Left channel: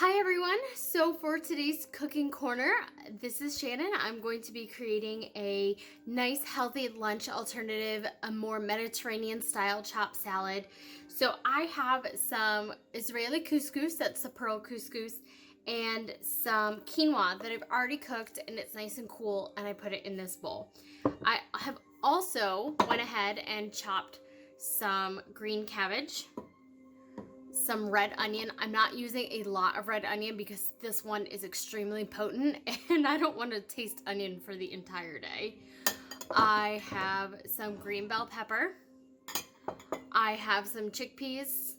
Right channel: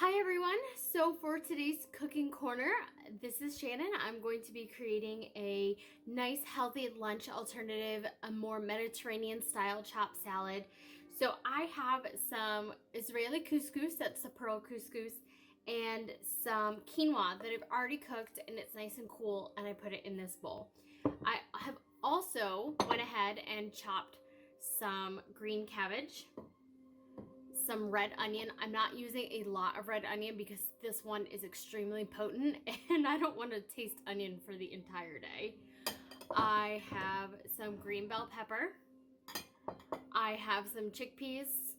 Hi everyone, so for today's cooking corner, this is Shannon. I'm going to be creating a nice healthy lunch alternative, a more Mediterranean style chopped salad. So I have some Israeli couscous, that's the pearl couscous, and some quinoa that I've already cooked and it's nice and cool, and I put it in this bowl. I have also went ahead and chopped some green cabbage, some red onion. I'm not using a lot of red onion because this one is extremely potent and I don't want to taste onion for the entire day. I have some green bell pepper. I have some chickpeas.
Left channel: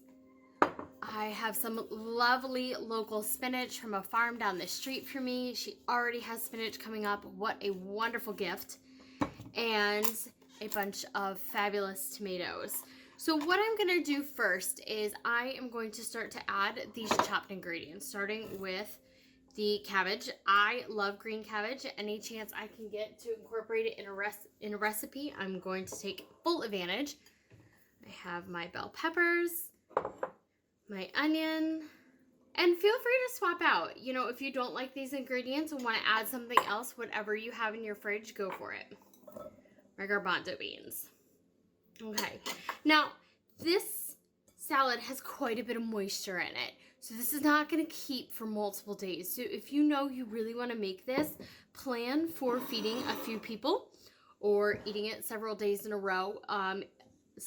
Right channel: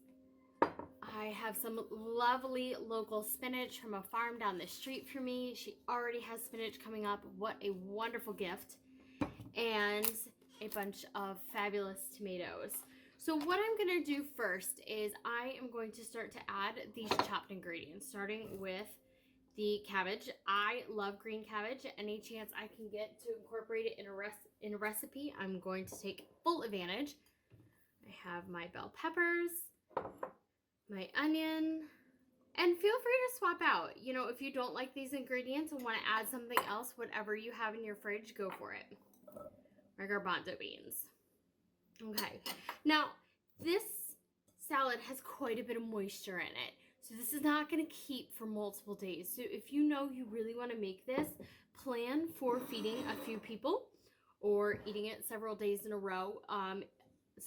I have some lovely local spinach from a farm down the street from me. She already has spinach coming up. What a wonderful gift. And a bunch of fabulous tomatoes. So what I'm going to do first is I am going to start to add these chopped ingredients, starting with the cabbage. I love green cabbage. Any chance I can get to incorporate it in a recipe, I'm going to take full advantage. I have my bell peppers, my onion, and feel free to swap out. You know, if you don't like these ingredients and want to add something else, whatever you have in your fridge, go for it. My garbanzo beans. Okay, now this salad has quite a bit of moisture in it, so this is not going to keep for multiple days. So if you know you really want to make this, plan for feeding a few people or eating it several days in a row.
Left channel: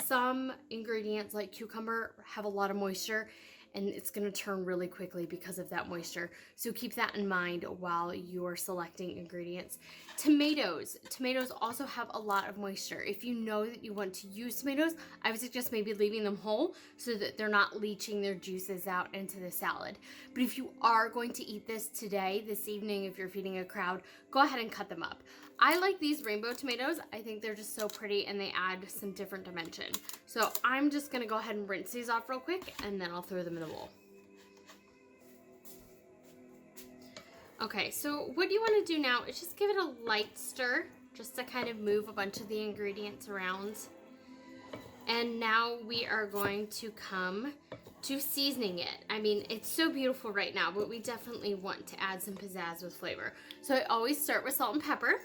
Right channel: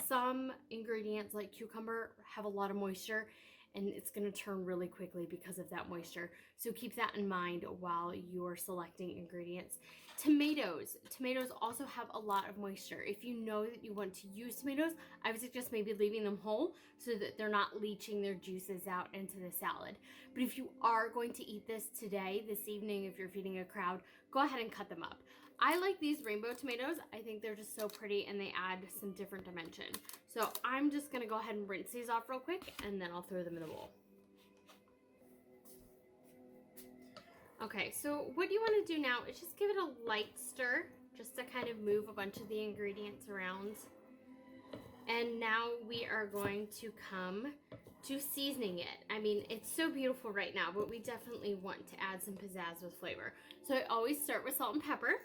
Some ingredients like cucumber have a lot of moisture and it's going to turn really quickly because of that moisture. So keep that in mind while you're selecting ingredients. Tomatoes also have a lot of moisture. If you know that you want to use tomatoes, I would suggest maybe leaving them whole so that they're not leaching their juices out into the salad. But if you are going to eat this today, this evening, if you're feeding a crowd, go ahead and cut them up. I like these rainbow tomatoes. I think they're just so pretty and they add some different dimension. So I'm just gonna go ahead and rinse these off real quick and then I'll throw them in the bowl. Okay, so what you want to do now is just give it a light stir, just to kind of move a bunch of the ingredients around. And now we are going to come to seasoning it. I mean, it's so beautiful right now, but we definitely want to add some pizzazz with flavor. So I always start with salt and pepper.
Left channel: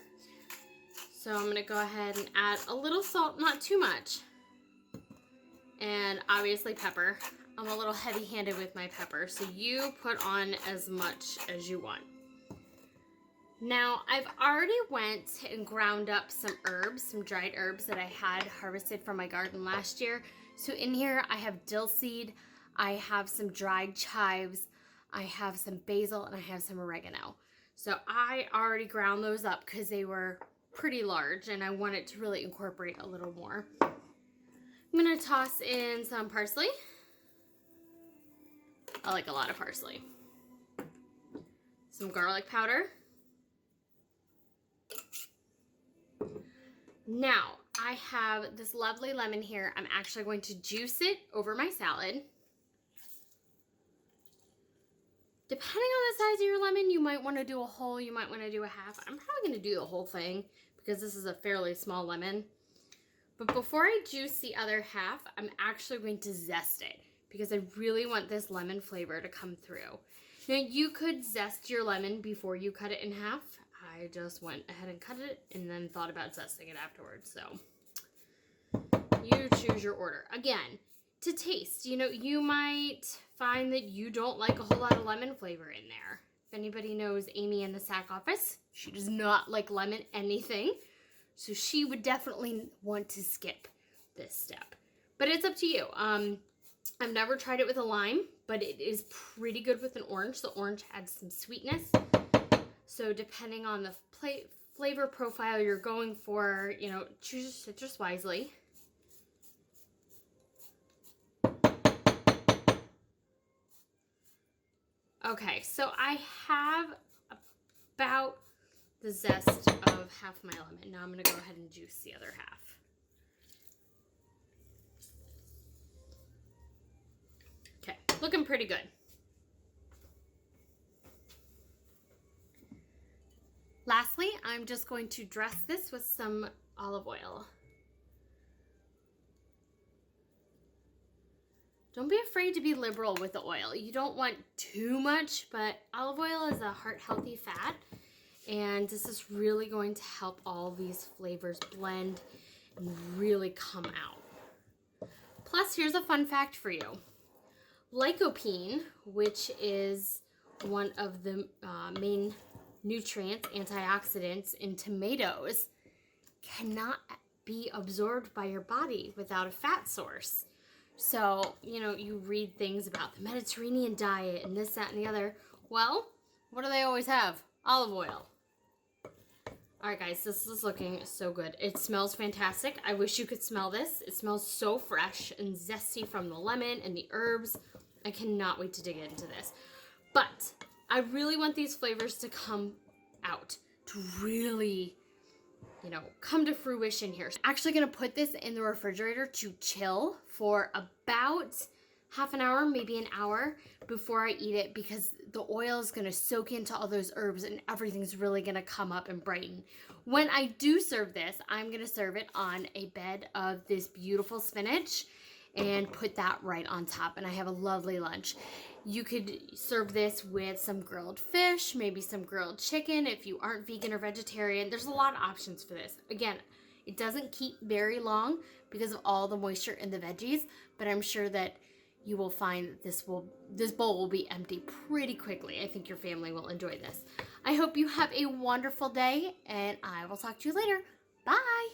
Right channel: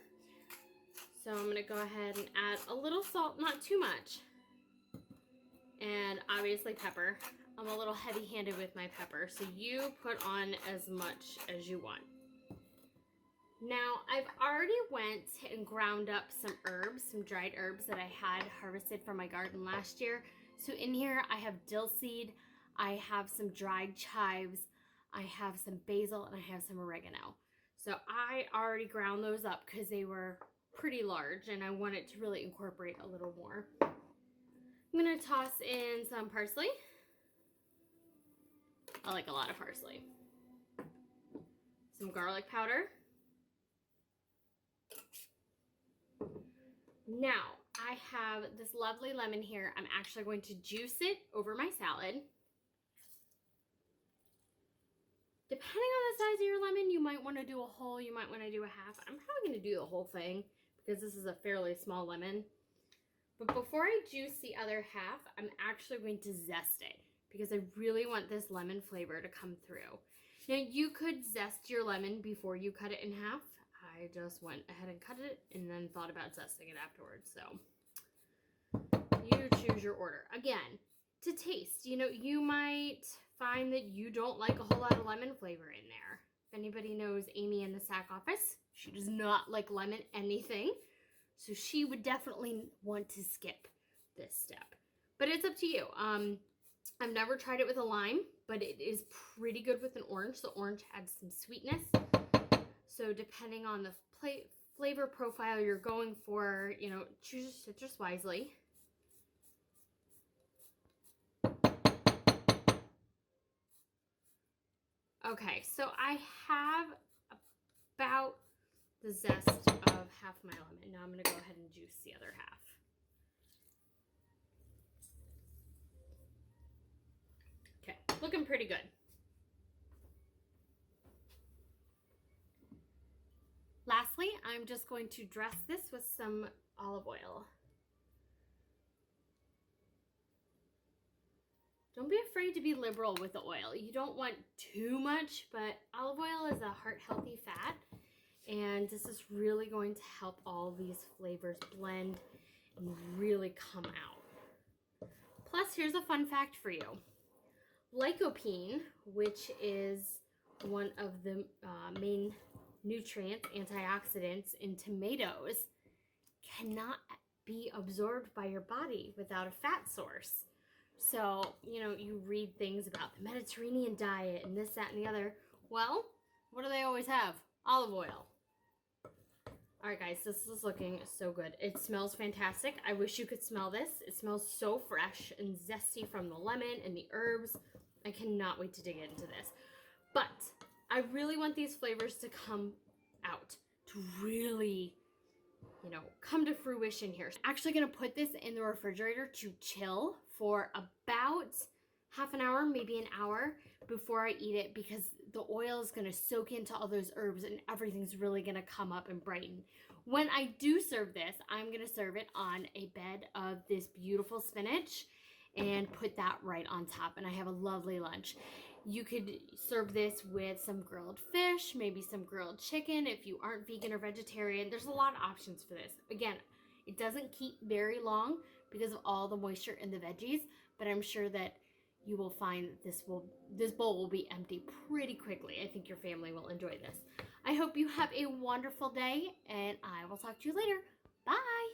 So I'm gonna go ahead and add a little salt, not too much. And obviously pepper. I'm a little heavy-handed with my pepper, so you put on as much as you want. Now, I've already went and ground up some herbs, some dried herbs that I had harvested from my garden last year. So in here, I have dill seed, I have some dried chives, I have some basil, and I have some oregano. So I already ground those up because they were pretty large and I wanted to really incorporate a little more. I'm gonna toss in some parsley. I like a lot of parsley. Some garlic powder. Now, I have this lovely lemon here. I'm actually going to juice it over my salad. Depending on the size of your lemon, you might want to do a whole, you might want to do a half. I'm probably going to do the whole thing because this is a fairly small lemon. But before I juice the other half, I'm actually going to zest it because I really want this lemon flavor to come through. Now, you could zest your lemon before you cut it in half. I just went ahead and cut it and then thought about zesting it afterwards. So you choose your order. Again, to taste, you know, you might find that you don't like a whole lot of lemon flavor in there. If anybody knows Amy in the SAC office, she does not like lemon anything. So she would definitely want to skip this step. But it's up to you. I've never tried it with a lime, but it is pretty good with an orange. The orange adds some sweetness. So depending on the flavor profile you're going for, you know, choose your citrus wisely. Okay, so I have about the zest of half my lemon. Now I'm going to go ahead and juice the other half. Okay, looking pretty good. Lastly, I'm just going to dress this with some olive oil. don't be afraid to be liberal with the oil. You don't want too much, but olive oil is a heart-healthy fat, and this is really going to help all these flavors blend and really come out. Plus, here's a fun fact for you. Lycopene, which is one of the main nutrients, antioxidants in tomatoes, cannot be absorbed by your body without a fat source. So, you know, you read things about the Mediterranean diet and this, that, and the other. Well, what do they always have? Olive oil. All right, guys, this is looking so good. It smells fantastic. I wish you could smell this. It smells so fresh and zesty from the lemon and the herbs. I cannot wait to dig into this. But I really want these flavors to come out, to really, you know, come to fruition here. I'm actually gonna put this in the refrigerator to chill for about half an hour, maybe an hour before I eat it, because the oil is gonna soak into all those herbs and everything's really gonna come up and brighten. When I do serve this, I'm gonna serve it on a bed of this beautiful spinach and put that right on top, and I have a lovely lunch. You could serve this with some grilled fish, maybe some grilled chicken if you aren't vegan or vegetarian. There's a lot of options for this. Again, it doesn't keep very long because of all the moisture in the veggies, but I'm sure that you will find that this bowl will be empty pretty quickly. I think your family will enjoy this. I hope you have a wonderful day, and I will talk to you later. Bye!